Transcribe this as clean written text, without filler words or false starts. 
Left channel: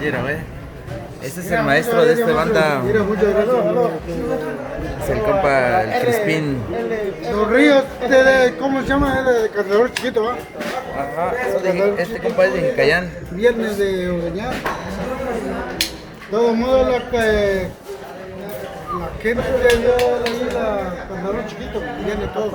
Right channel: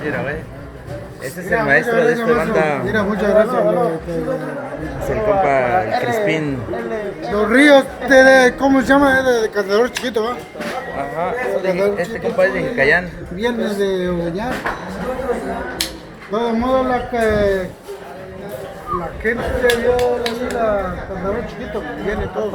Mira, güey. Ese es el maestro de esta banda. Mira, muchas gracias. Es el compa, el Crispín. Los Ríos, ¿cómo se llama? De Cazador Chiquito, ¿va? Ajá, este compa es de Jicayán. Viernes de Udeñar. De todos modos, la gente vio ahí la Cazador Chiquito, viene todo.